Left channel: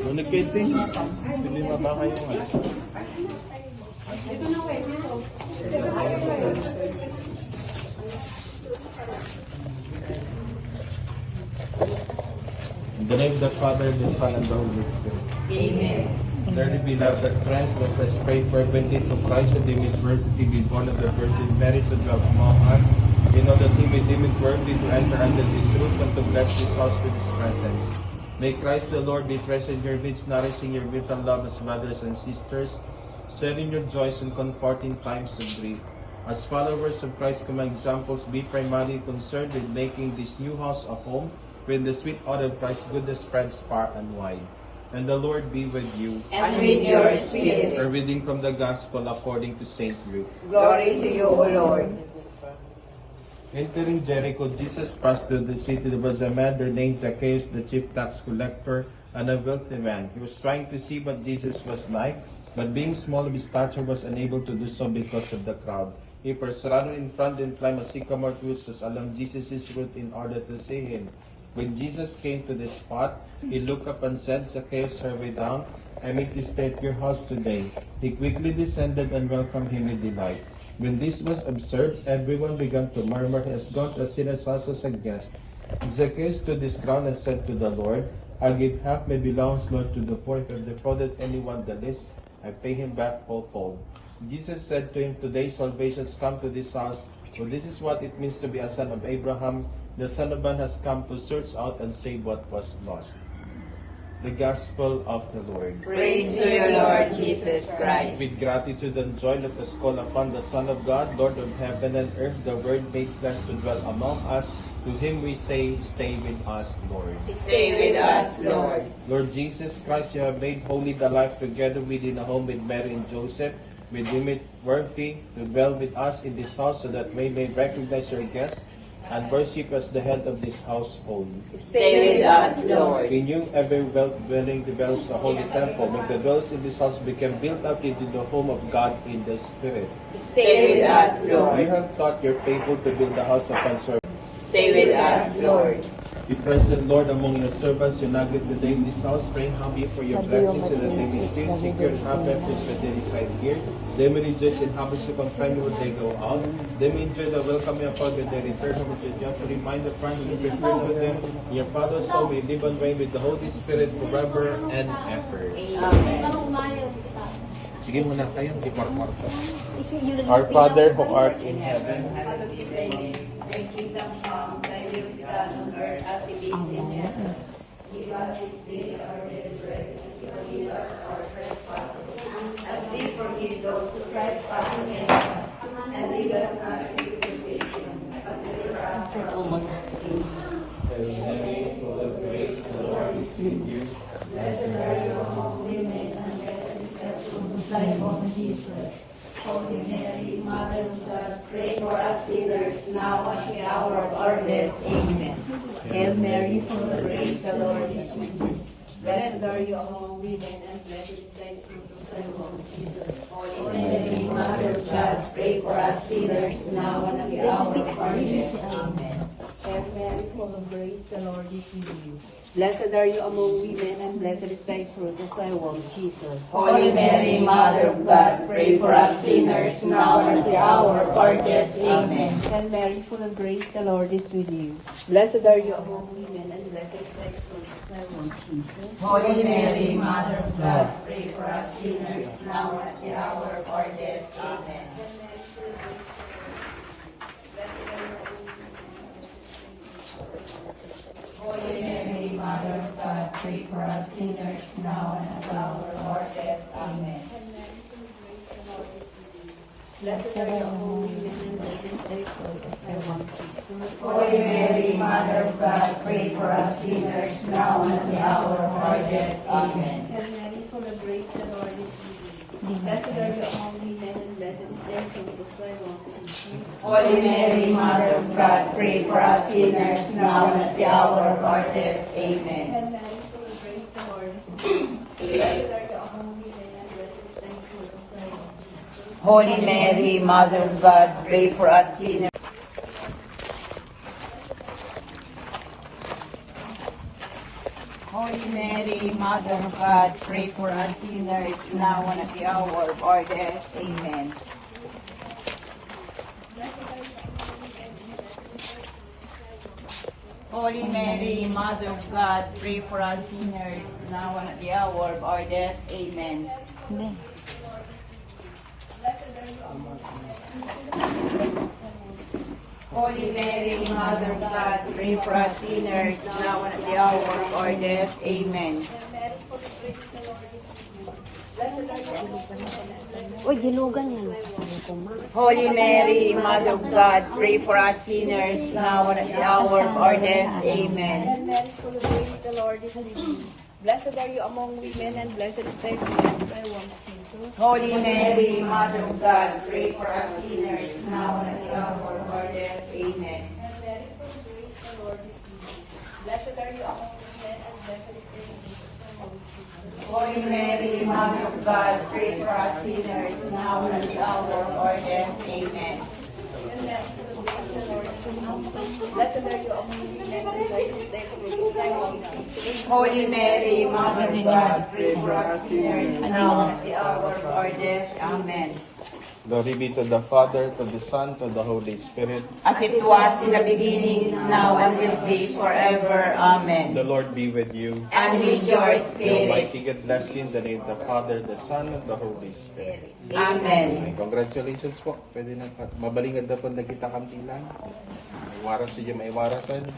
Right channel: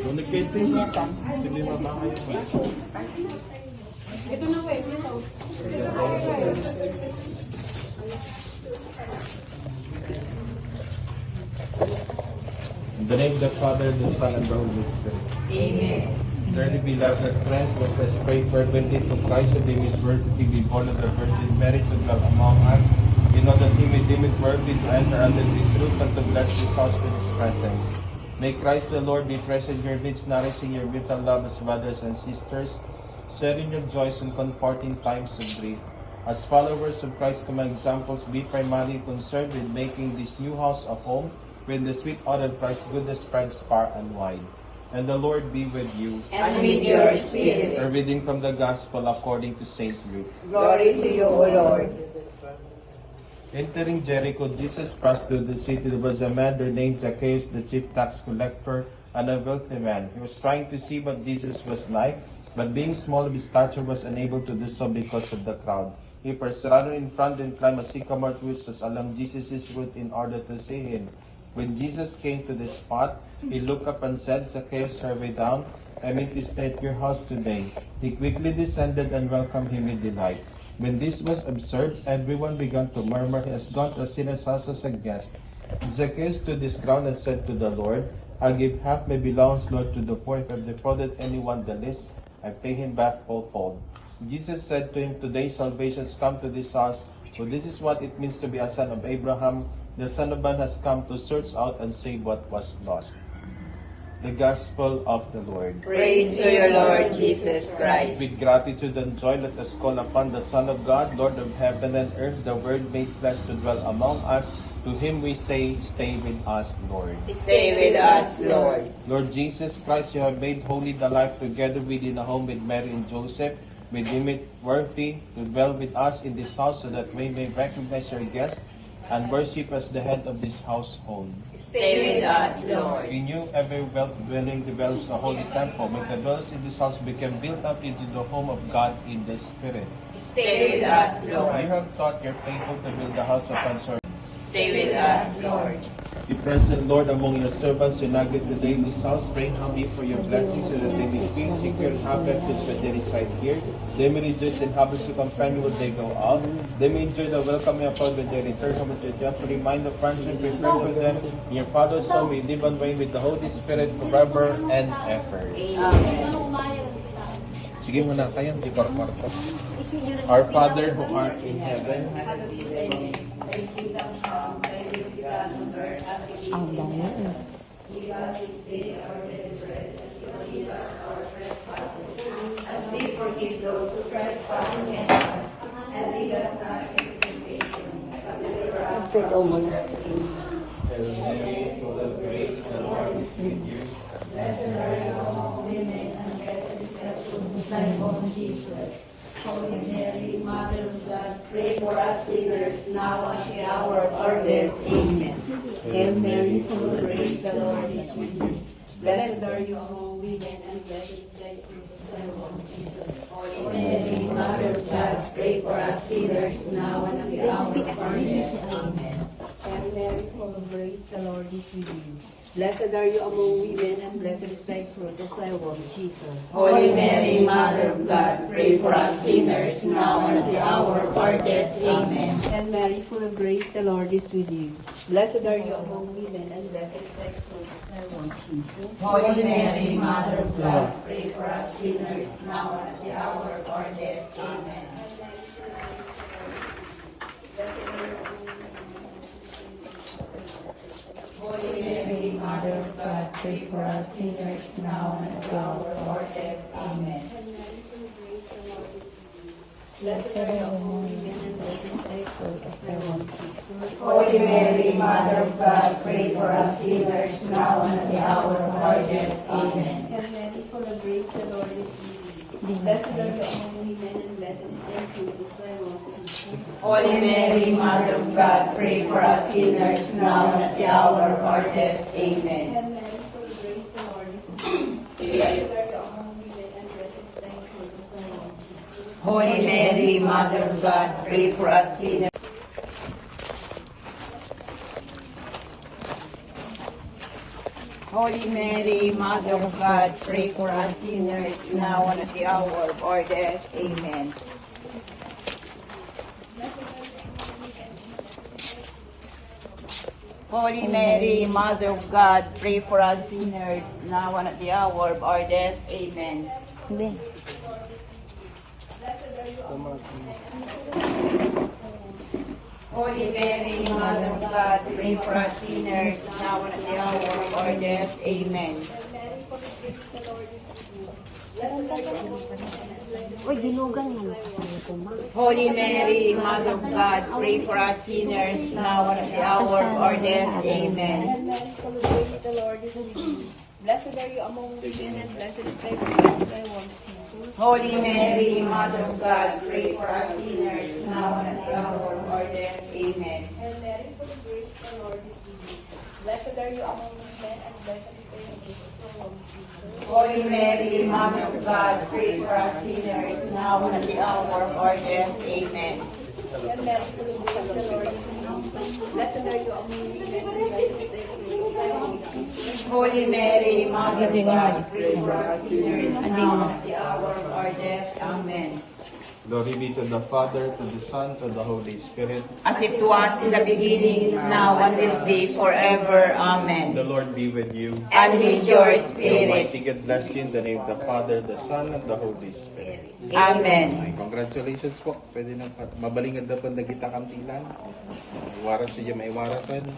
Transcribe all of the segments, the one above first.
Ngunit kayo din. Hindi ba kayo? Ito na kayo, ito. In the name of the Father, the Son, and the Holy Spirit. Amen. Dearly beloved friends, let us pray fervently for Christ who deemed it worthy to be born of the Virgin Mary to dwell among us. We know that He may deem it worthy to enter under His roof and to bless this house with His presence. May Christ the Lord be present in your midst, nourishing your vital love as brothers and sisters, sharing your joys in comforting times of grief. As followers of Christ, common examples, be primarily concerned with making this new house a home where the sweet odor of Christ's goodness spreads far and wide. And the Lord be with you. And with your spirit. A reading from the Gospel according to St. Luke. Glory to you, O Lord. Entering Jericho, Jesus passed through the city. There was a man there named Zacchaeus, the chief tax collector, and a wealthy man. He was trying to see what Jesus was like, but being small of his stature was unable to do so because of the crowd. He first ran in front and climbed a sycamore tree along Jesus' route in order to see him. When Jesus came to the spot, he looked up and said, Zacchaeus, hurry down. I mean to stay at your house today. He quickly descended and welcomed him with delight. When this was observed, everyone began to murmur, He has gone to a sinner's house as a guest. Zacchaeus stood his ground and said to the Lord, I give half my belongings, Lord, to the poor. If I have defrauded anyone the least, I pay him back fourfold. Jesus said to him, Today salvation has come to this house, for this is what it means to be a son of Abraham. The Son of Man has come to search out and save what was lost. The Gospel of the Lord. Praise to you, Lord Jesus Christ. With gratitude and joy, let us call upon the Son of God, Lord of heaven and earth, the Word made flesh to dwell among us. To Him we say, Stay with us, Lord. Stay with us, Lord. Lord Jesus Christ, you have made holy the life together within a home with Mary and Joseph. We deem it worthy to dwell with us in this house so that we may recognize your guest and worship as the head of this household. Stay with us, Lord. Renew every dwelling develops a holy temple. Make the dwellers in this house become built up into the home of God in the Spirit. Stay with us, You Lord. have taught your faithful to build the house of answer. Stay with us, Lord. Be present, Lord, among your servants who navigate the day in this house. Pray humbly for your blessings so that they may still secure and have refuge when they reside here. They may rejoice in habits to companion when they go out. They may enjoy the welcoming upon when they return home with the to remind the friends and your spirit of them. In your Father's soul may live and reign with the Holy Spirit forever and ever. Amen. Sige muna kayo, di kwarto. Our Father who art in heaven, As we forgive those who trespass against us, and lead us not into temptation. Hail Mary, full of grace, the Lord is with you. Blessed are you among women, and blessed is the fruit of thy womb, Jesus. Holy Mary, Mother of God, pray for us sinners, now and at the hour of our death. Amen. Hail Mary, full of grace, the Lord is with you. Blessed are you among women, and blessed is thy fruit of thy womb, Jesus. Holy Mary, Mother of God, pray for us sinners, now and at the hour of our death. Amen. Hail Mary, full of grace, the Lord is with you. Blessed are you among women, and blessed is thy fruit of thy womb, Jesus. Holy Mary, Mother of God, pray for us sinners, now and at the hour of our death. Amen. Hail Mary, full of grace, the Lord is with you. Blessed are you among women, and blessed is thy fruit of thy womb, Jesus. Holy Mary, Mother of God, pray for us sinners, now and at the hour of our death. Amen. Holy Mary, Mother of God, pray for us sinners, now and at the hour of our death. Amen. Blessed are you among women, and blessed is thy fruit of thy womb, Jesus. Holy Mary, Mother of God, pray for us sinners, now and at the hour of our death. Amen. Hail Mary, full of grace, the Lord is with you. Blessed are you among women, and blessed is the fruit of thy womb, Jesus. Holy Mary, Mother of God, pray for us sinners, now and at the hour of our death. Amen. Hail Mary, full of grace, the Lord is with you. Blessed are you among women, and blessed is thy fruit of thy womb, Jesus. Holy Mary, Mother of God, pray for us sinners. Holy Mary, Mother of God, pray for us sinners now and at the hour of our death. Amen. Holy Mary, Mother of God, pray for us sinners now and at the hour of our death. Amen. Holy Mary, Mother of God, pray for us sinners now and at the hour of our death. Amen. Uy, dilugan na ko ma. Holy Mary, Mother of God, pray for us sinners now and at the hour of our death. Amen. The Lord is with you. Blessed are you among women, and blessed is the fruit of thy womb, Jesus. Holy Mary, Mother of God, pray for us sinners now and at the hour of our death. Amen. And Mary, full of grace, the Lord is with you. Blessed are you among women, and blessed is the fruit of thy womb, Jesus. Holy Mary, Mother of God, pray for us sinners now and at the hour of our death. Amen. And Mary, full of grace, the Lord is with you. Blessed are you among women, and blessed is the fruit of thy womb, Jesus. Holy Mary, Mother of God, pray for us sinners now and at the hour of our death. Amen. Glory be to the Father, to the Son, to the Holy Spirit. As it was in the beginning, is now, and will be forever. Amen. The Lord be with you. And with your The spirit. Almighty God bless you in the name of the Father, the Son, and the Holy Spirit. Amen. Ay, congratulations po. Pwede na mabalingad na po na kita kantilan. May waras siya, may warasan.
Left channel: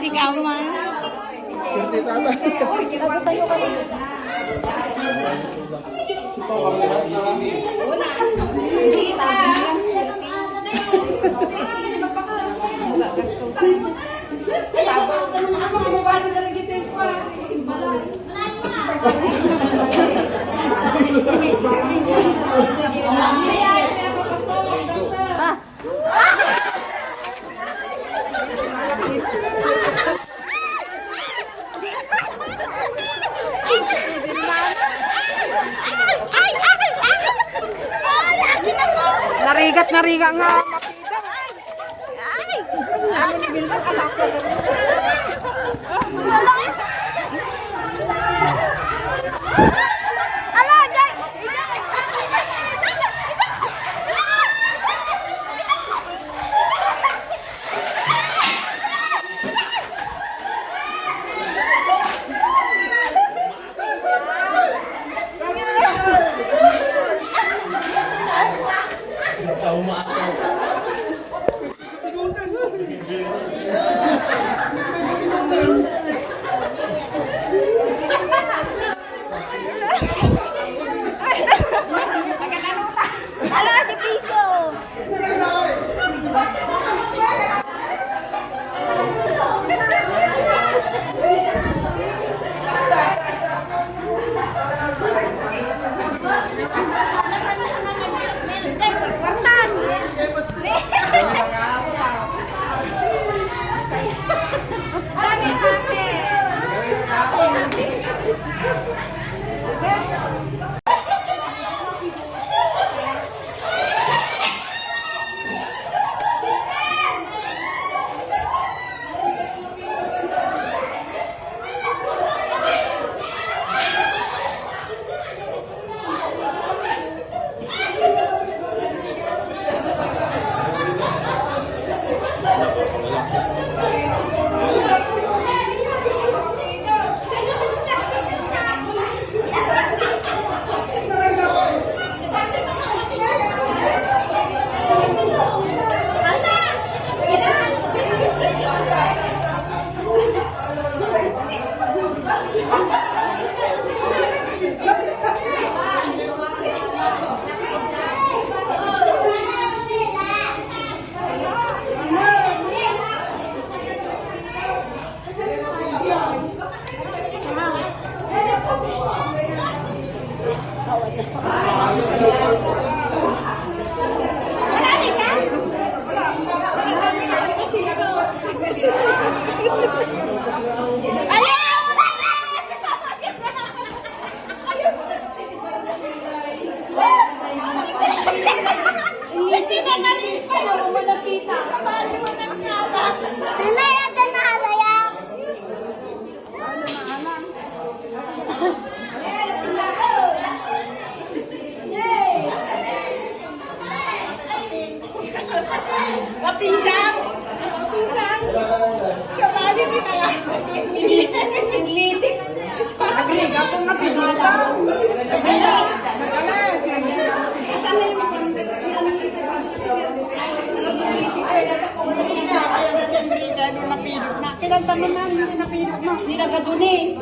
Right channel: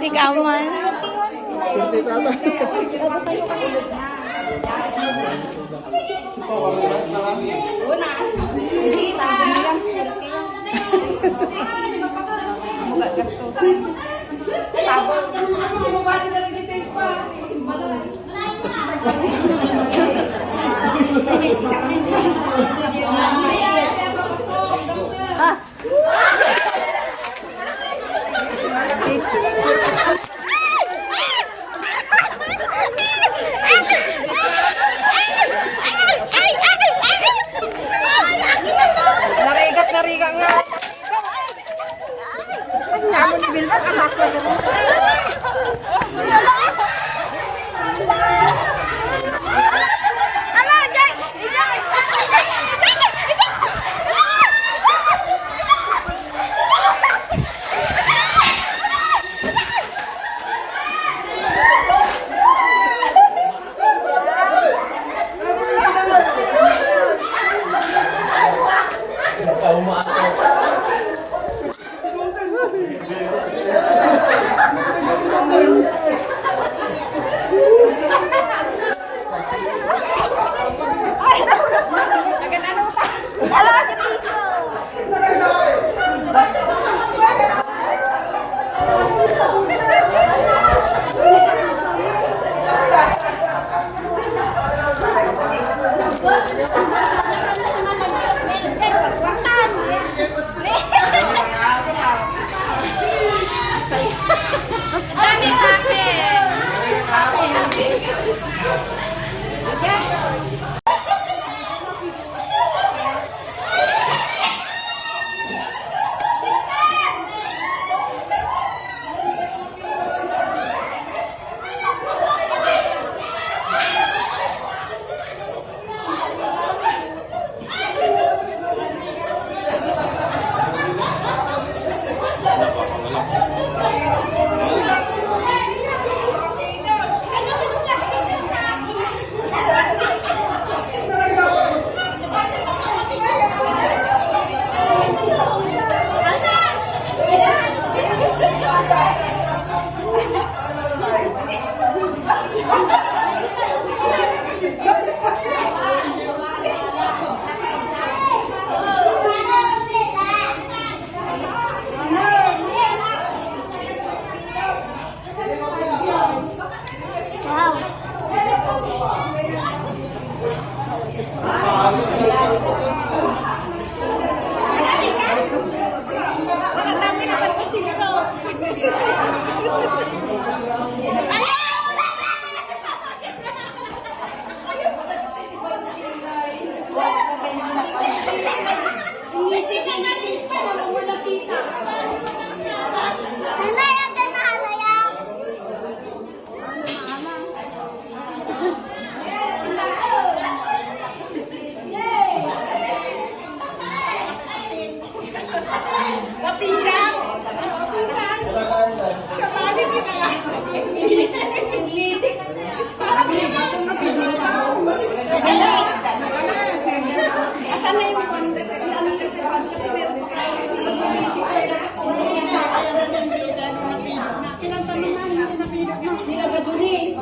Ikaw man. Narigat nga. Kamu ni Bilma, anak ko. Sino ka duni?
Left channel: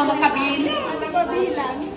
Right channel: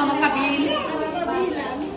Magkakabilang.